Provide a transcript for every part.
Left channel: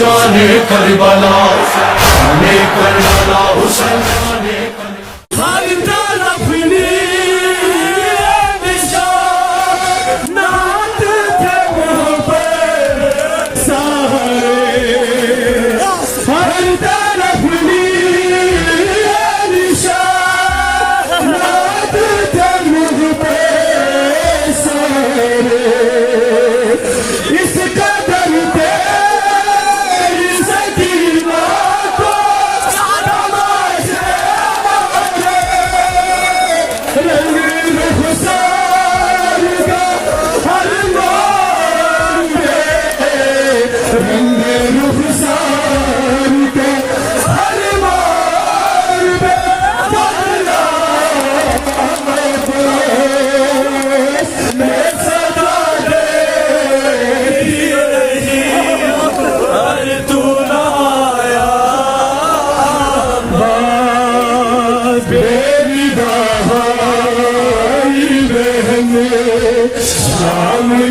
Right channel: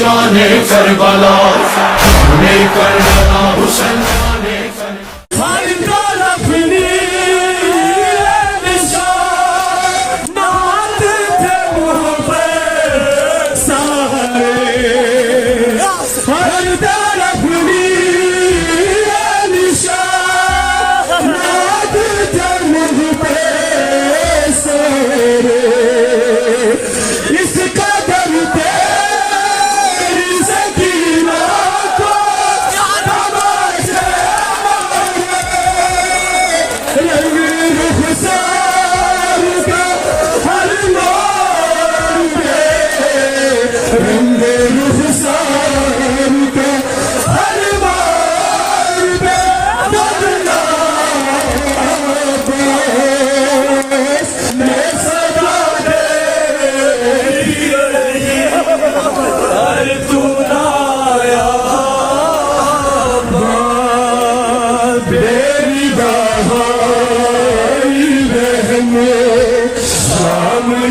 जाने करबला जाने करबला हुसैन जाने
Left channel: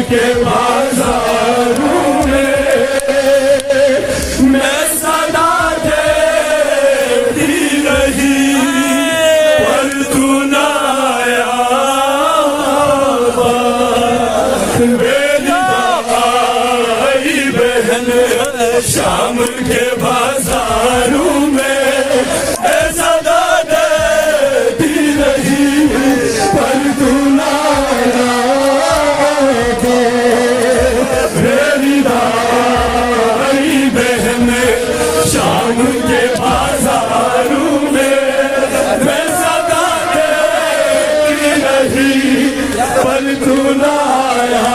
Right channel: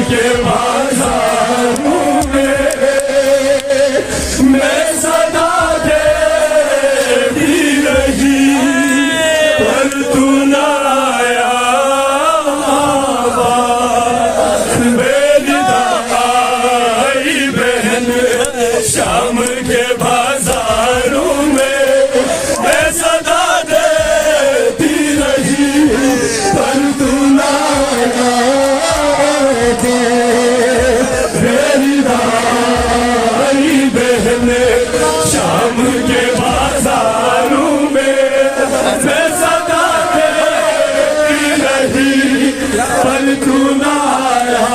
के बाजारों में मैं सदा देती रही पर तू न आया मेरी भाई बहन शाम के बाजारों में मैं सदा देती रही पर तू न आया शाम के बाजारों में मैं सदा देती रही पर तू न आया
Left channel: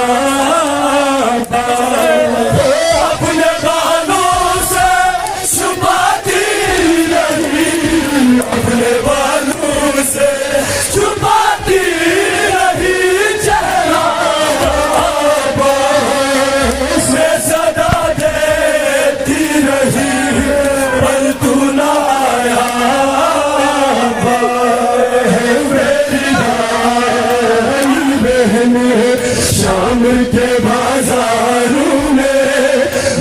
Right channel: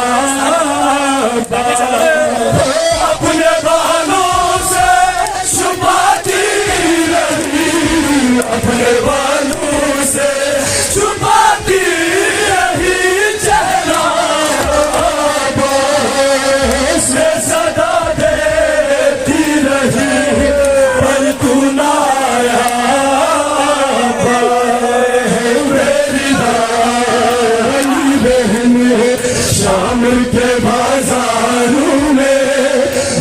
अपने बालों से छुपाती रही अपने बालों से छुपाती रही चेहरा मैं सदा देती रही शाम के बाजारों में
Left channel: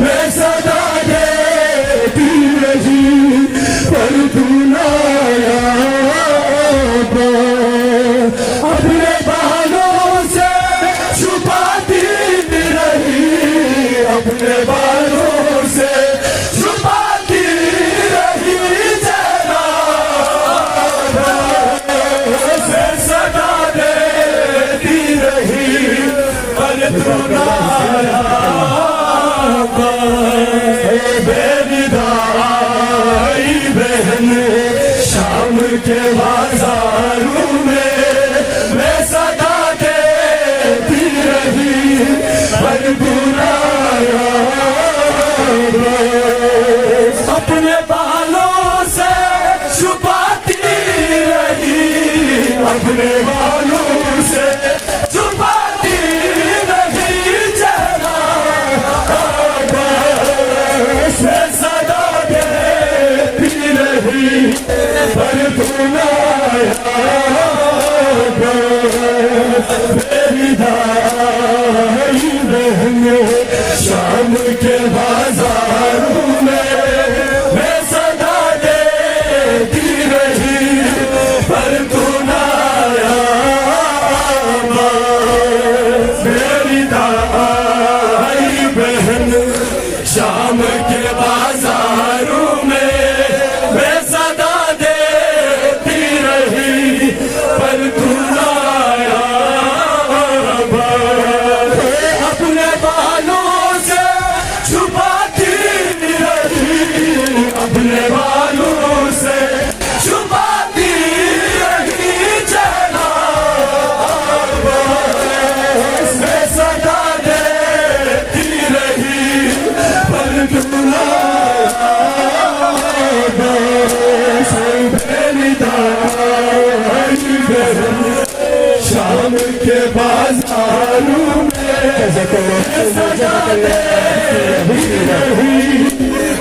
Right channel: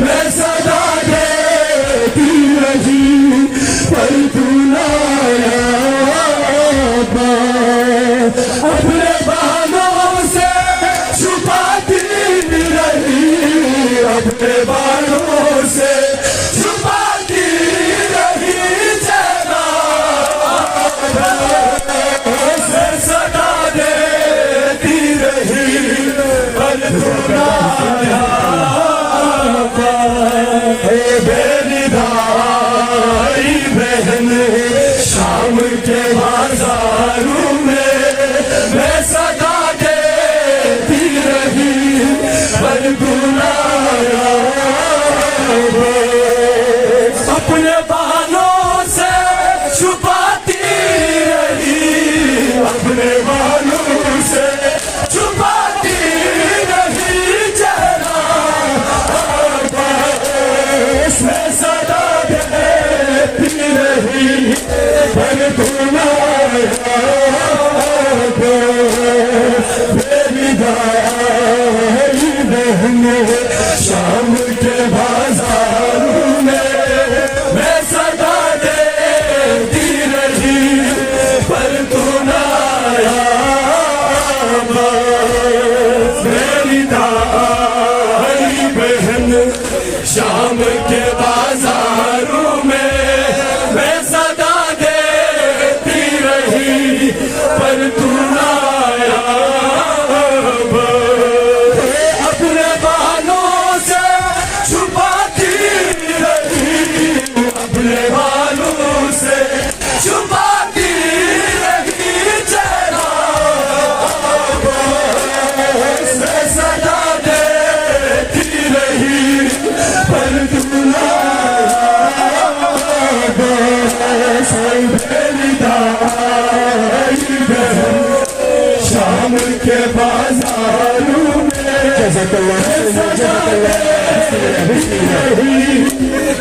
मैं सदा देती रही पर तू न आया अपने बालों से छुपाती रही अपने बालों से छुपाती रही जरा सदा देती रही पर तू न आया मेरी भाई बहन शाम के बाजारों में मैं सदा देती रही पर तू न आया अपने बालों से छुपाती रही अपने बालों से छुपाती रही जरा मैं सदा देती रही पर तू न आया मेरी भाई बहन शाम के बाजारों में मैं सदा देती रही पर तू न आया मेरी भाई बहन शाम के बाजारों में मैं सदा देती रही पर तू न आया अपने बालों से छुपाती रही अपने बालों से छुपाती रही चेहरा मैं सदा देती रही पर तू न शाम के बाजारों में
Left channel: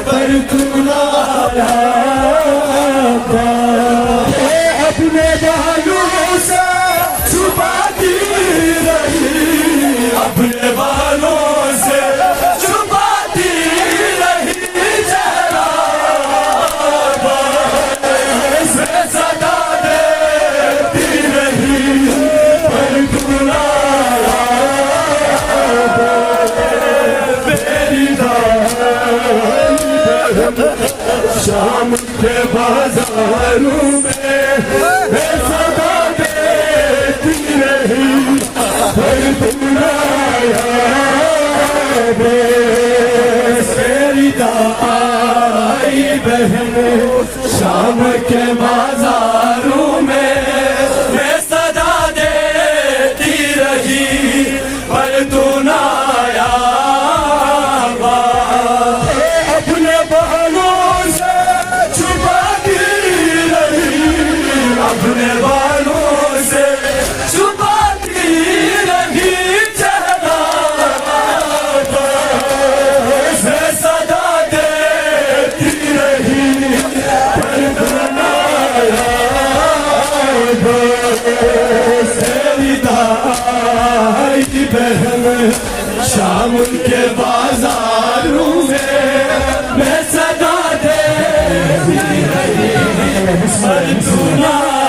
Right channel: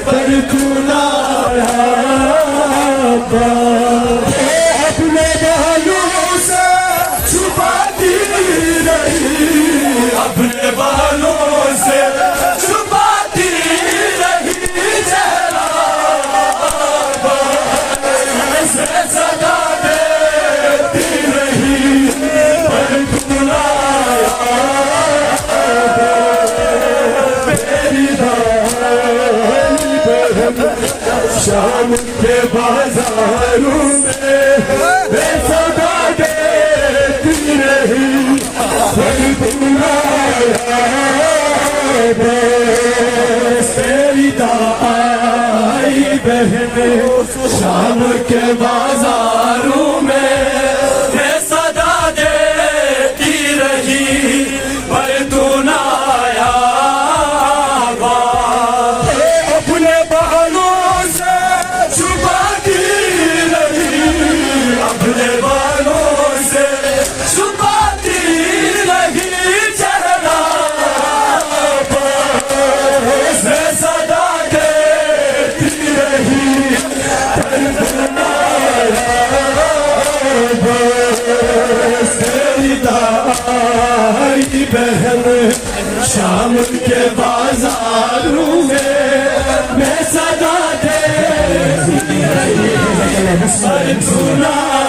पर तू न आया अपने बालों से छुपाती रही अपने बालों बाजारों में मैं सदा देती रही पर तुम न आए तेरी दाई बहन शाम के बाजारों में मैं सदा देती रही पर तू न आया अपने बालों से छुपाती रही अपने बालों से छुपाती रही चेहरा से सदा देती रही पर तेरी दाई बहन शाम के बाजारों में मैं सदा देती रही पर तू न